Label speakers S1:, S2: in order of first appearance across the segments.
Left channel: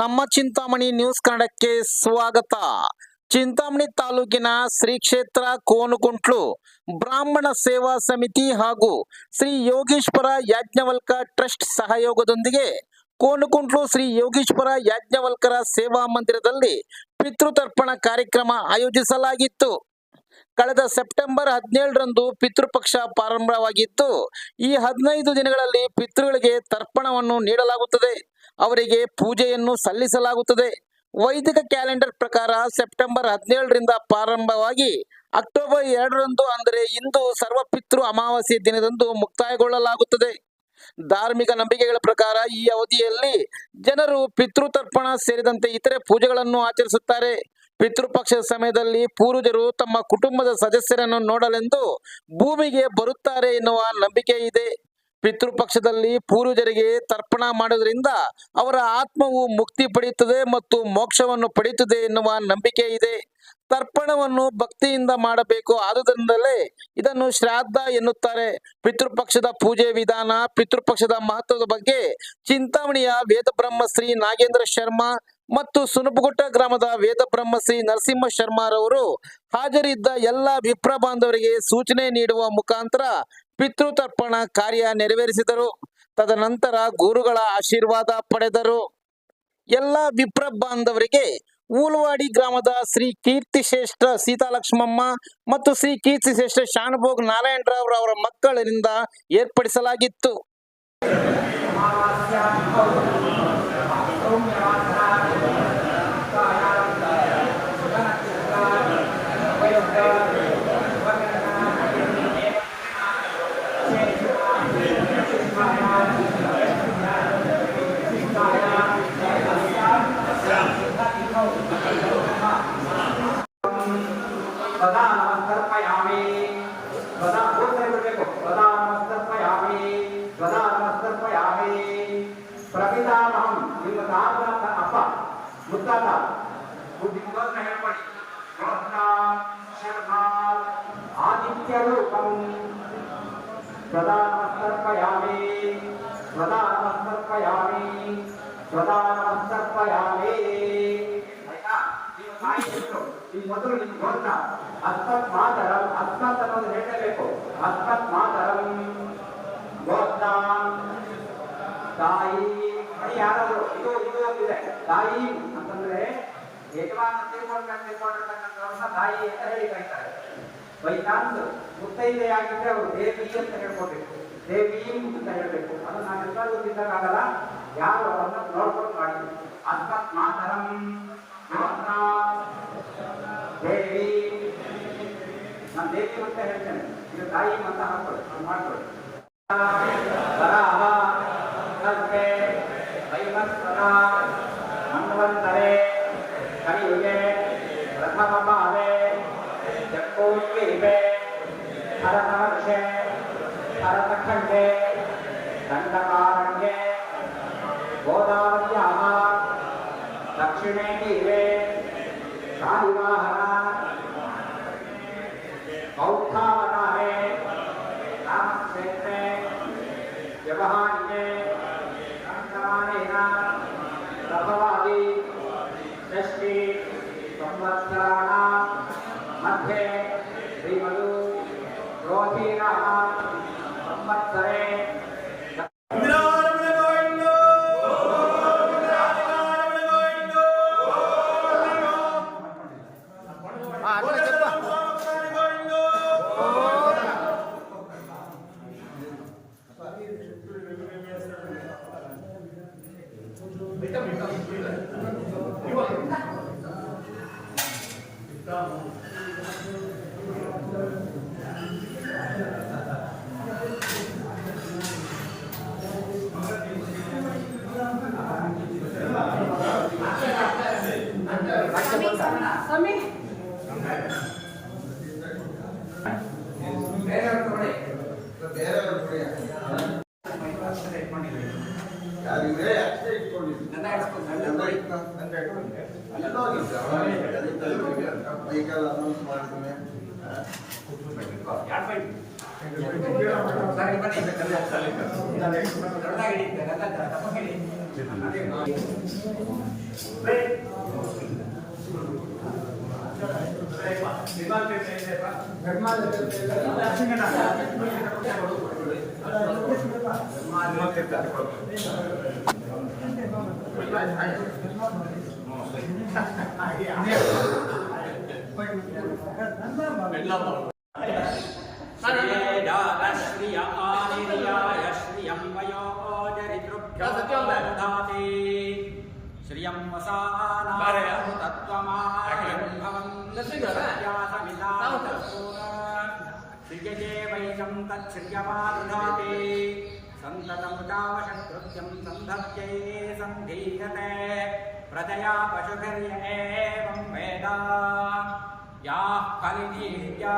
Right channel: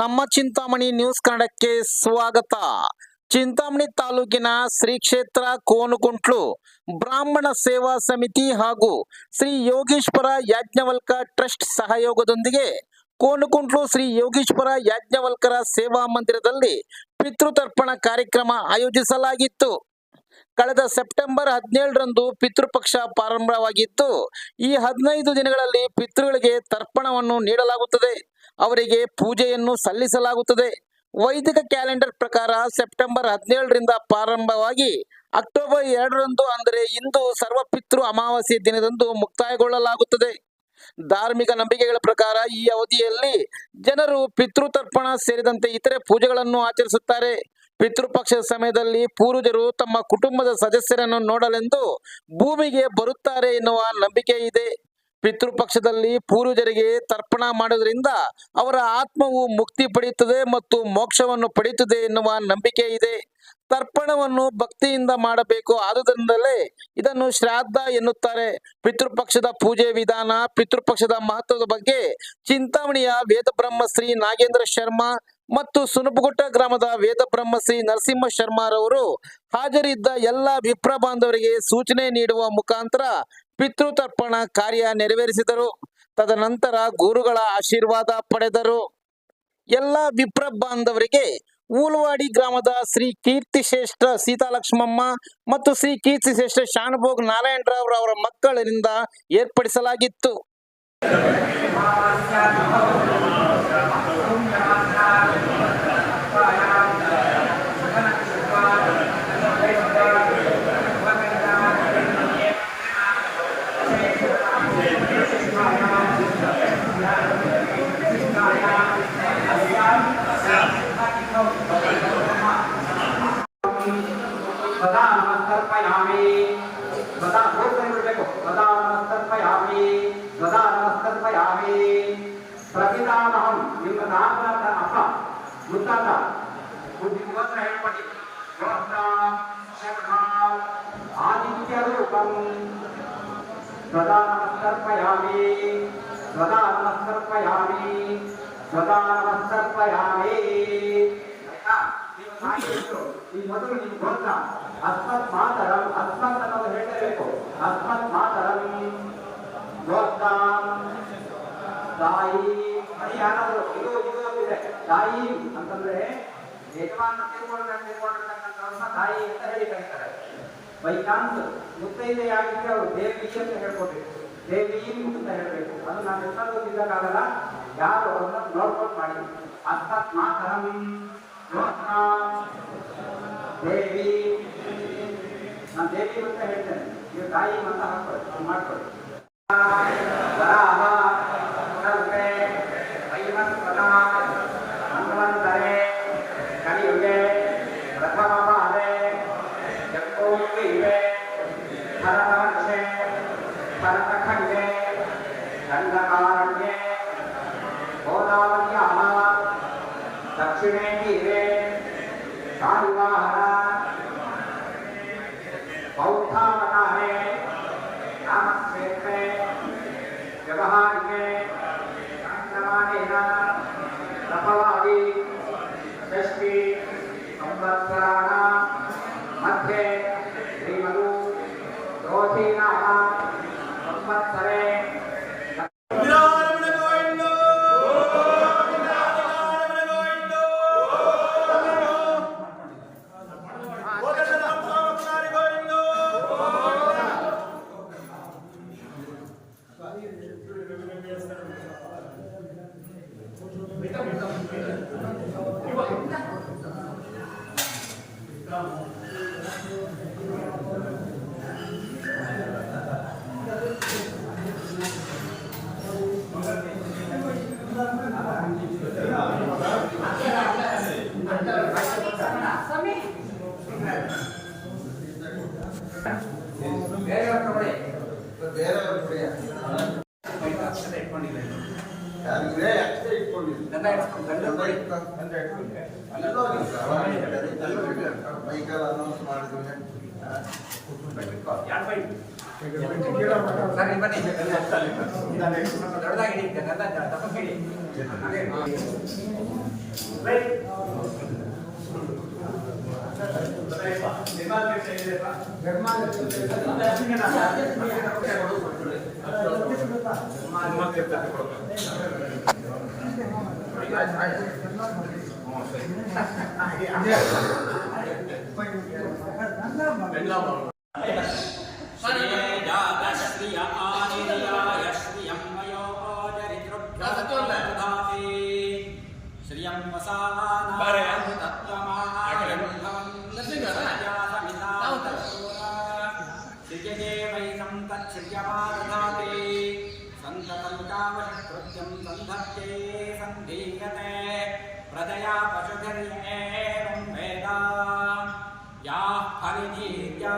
S1: ನಮ್ಮ ಚಿಂತಾಮಣಿ ನ್ಯೂಸ್ ಕನ್ನಡಕ್ಕೆ ಸ್ವಾಗತ ಚಿಂತಾಮಣಿ ತಾಲೂಕಿನ ಶ್ರೀ ಕ್ಷೇತ್ರ ಕೋನುಕುಂಟ್ಲು ಬ್ರಾಹ್ಮಣ ಸೇವಾ ಸಮಿತಿ ಹಾಗೂ ಶ್ರೀ ಯೋಗೀಶ್ವರ ಯಾಜ್ಞವಲ್ಕ ಟ್ರಸ್ಟ್ ಸಹಯೋಗದೊಂದಿಗೆ ಕೋನುಕುಂಟ್ಲು ಶ್ರೀ ಯೋಗೀಶ್ವರ ಯಾಜ್ಞವಲ್ಕರ ಸೇವಾ ಮಂದಿರದಲ್ಲಿ ಪಿತೃತರ್ಪಣ ಕಾರ್ಯಕ್ರಮ ಆಯೋಜಿಸಲಾಗಿತ್ತು ಕಳೆದ ಸೆಪ್ಟೆಂಬರ್ ಹದಿನೇಳರಂದು ಪಿತೃಪಕ್ಷ ಪ್ರಾರಂಭವಾಗಿತ್ತು ಈ ಹದಿನೈದು ದಿನಗಳಲ್ಲಿ ಪಿತೃಗಳಿಗೆ ತರ್ಪಣವನ್ನು ನೀಡಲಾಗುತ್ತದೆ ಅವರಿಗೆ ಪೂಜೆಯನ್ನು ಸಲ್ಲಿಸಲಾಗುತ್ತದೆ ವೈದಿಕ ಕ್ಯಾಲೆಂಡರ್ ಪ್ರಕಾರ ಸೆಪ್ಟೆಂಬರ್ ಹದಿನೇಳರಿಂದ ಪ್ರಾರಂಭವಾಗಿ ಅಕ್ಟೋಬರ್ ಎರಡರಂದು ಅಂದರೆ ಇಂದು ಸರ್ವಪಿತೃ ಅಮಾವಾಸ್ಯ ದಿನದಂದು ಮುಕ್ತಾಯಗೊಳ್ಳಲಾಗುತ್ತದೆ ಧಾರ್ಮಿಕ ನಂಬಿಕೆಗಳ ಪ್ರಕಾರ ಈ ಅವಧಿಯಲ್ಲಿ ಜನರು ಪಿತೃತರ್ಪಣ ಸೇರಿದಂತೆ ಇತರೆ ಪೂಜೆಗಳನ್ನು ಆಚರಿಸುತ್ತಾರೆ ಪಿತೃಪಕ್ಷದ ಸಮಯದಲ್ಲಿ ಪೂರ್ವಜರು ತಮ್ಮ ಕುಟುಂಬದ ಸದಸ್ಯರನ್ನು ನೋಡಲೆಂದು ಭೂಮಿಗೆ ಬರುತ್ತಾರೆ ಎನ್ನುವ ನಂಬಿಕೆ ಇದೆ ಪಿತೃಪಕ್ಷದಲ್ಲಿ ಪೂರ್ವಜರಿಗೆ ತರ್ಪಣ ಮಾಡುವುದರಿಂದ ಅವರ ಆತ್ಮವು ಮುಕ್ತಿ ಪಡೆಯುತ್ತದೆ ಮತ್ತು ಮೋಕ್ಷವನ್ನು ಪಡೆಯುತ್ತದೆ ಎನ್ನುವ ನಂಬಿಕೆ ಇದೆ ತರ್ಪಣವನ್ನು ಭಕ್ತಿಯಿಂದ ಮಾಡಬೇಕು ಆದುದರಿಂದಲೇ ಇದನ್ನು ಶ್ರಾದ್ದ ಎನ್ನುತ್ತಾರೆ ಪಿತೃಪಕ್ಷದ ಪೂಜೆ ವಿಧಾನ ಪಿತೃಪಕ್ಷದ ಮಹತ್ವದ ಬಗ್ಗೆ ಚಿಂತಾಮಣಿಯ ವೇದ ಶ್ರೀ ನಾಗೇಂದ್ರ ಶರ್ಮಾ ಮತ್ತು ಸುನಬಗುಟ್ಟ ಗ್ರಾಮದ ವೇದ ಶ್ರೀ ನರಸಿಂಹ ಶರ್ಮಾರವರು ಹಾಜರಿದ್ದ ಎಲ್ಲ ವಿಪ್ರ ಬಾಂಧವರಿಗೆ ಸೂಚನೆ ನೀಡುವ ಮುಖಾಂತರ ಪಿತೃತರ್ಪಣ ಕಾರ್ಯ ನೆರವೇರಿಸಿದರು ತದನಂತರ ಗುರುಗಳ ಆಶೀರ್ವಾದ ಪಡೆದರು ಎಲ್ಲ ವಿಪ್ರ ಬಾಂಧವರಿಗೆ ಊಲ್ವಾಡಿ ಗ್ರಾಮದ ಶ್ರೀ ಕೀರ್ತಿ ಶ್ರೇಷ್ಠ ಸೀತಾಲಕ್ಷ್ಮಮ್ಮ ಮತ್ತು ಶ್ರೀ ಕೀರ್ತಿ ಶ್ರೇಷ್ಠ ಶಾನುಭೋಗ್ ನಾರಾಯಣರಾವ್ ಅವರ ಮಕ್ಕಳಿಂದ ಏರ್ಪಡಿಸಲಾಗಿತ್ತು
S2: ప్రధానమస్తత్వయామి ప్రతిదానహం ನಿಮ್ಮ ನಾಲ್ಕರ ಅಪ್ಪ ಮುತ್ತಾತ ಬುದ್ಧಿವಂತ ಹೇಳ್ಪಡಿ ವ್ಯವಸ್ಥಾ ಶರ್ಮಾ ಆದಿತ್ಯ ರೂಪಂ ప్రధానమస్తర్పయామి ప్రధానమస్తర్పయామి ప్రధానమస్తర్పయామి ఈ ಮೊದಲು ನೀನು ಬಂದ ಅಸ್ಮತ್ ಮಾತರ ಅಸ್ಮತ್ ಅನ್ನೋದು ಹೇಳಲೇಬೇಕು ಅಸ್ಮತ್ ತಾಯಿ ಅಂತಾರೆ ಮೇದವಾದ ಮೇದವಾದ ಅಂತನ್ನ ಬorsa ತಾಯಿ ಅಂತ ಹೇಳ್ತಾರೆ ವೈಕಾಂತ ಮುತ್ತೈಗೆ ಆಗುತ್ತೆ ಅವರು ಬೇವಿಚ ಅಂತ ಹೇಳ್ಕೋಬೇಕು ದೇವಿ ಅಂತ ಹೇಳ್ಬೇಕು ನಾನು ನಾಲ್ಕದಕ್ಕೆ ಕಾದರ ಯಾರು ಅನ್ನು ಪ್ರೋತ್ಸಾಹ ಮಾಡಿದಂತ ನಾතරಮಿ ಯುವಕ ದೇವಿ ನಾನು ದೇವಿ ಬಗ್ಗೆ ಹೇಳ್ತೀನಿ ನೀವು ತಾಯಿ ಅಂತಾ ಅನ್ಮಾರ್ತರು ಲಹ ಕರ್ಪೇ ಐಮಸ್ ವದಾ ईशान्ये गोदावर्याः दक्षिणे तीरे कालुवाहन बौद्धावनाने रामक्षेत्रे व्यवहार्ये संक्रमणेन संवत्सरे
S3: ನನ್ನ ಬೈಕಲ್ಲಿ ಅನೌನ್ಸ್ ಮಾಡಿದ್ರೆ
S2: ಧರ್ಮ श्रिय आनिर्याय श्रियं वयो ओजरितृभ्योधाति श्रियं वसानां तत्त्वमायं भवन्त्यासमिता श्रियजे वैकं तच्छ्रियमादधाति सन्ततमृतावशकृत्यं सन्धत्यै सन्धीयते प्रजया पशुभिर्येवं एवं वेद याः फलिनीर्या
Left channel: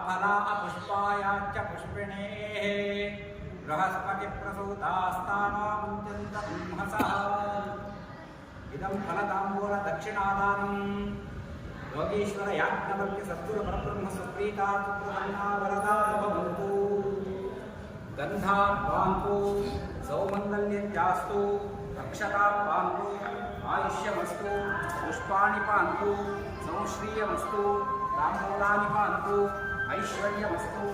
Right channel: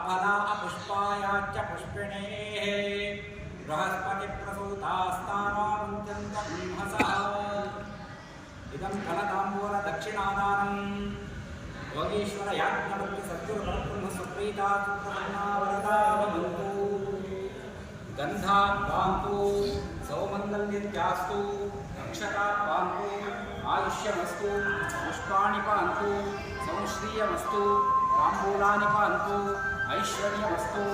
S2: अफला अपुष्पायाच्च पुष्पिणेः बृहस्पतिप्रसूतास्तानो मुञ्चन्तब्रह्मसः इदं फलताम्बूलदक्षिणादानम् योगीश्वरयाज्ञवल्क्यसत्तुर्परब्रह्मसुप्रीता सुप्रसन्ना वरदा भवन्तु गंधा पांतु सौमंगल्यत्यास्तु अक्षता पांतु आयुष्यमस्तु पुष्पाणि पांतु संश्रीयमस्तु तांबूलानि पांतु ऐश्वर्यमस्तु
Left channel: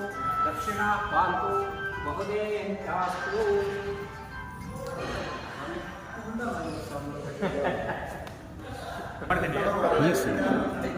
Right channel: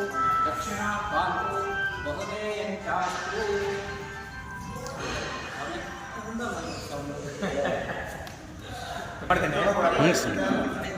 S2: दक्षिणा पांतु
S3: बहुदेयंत्यास्तु पूर्ण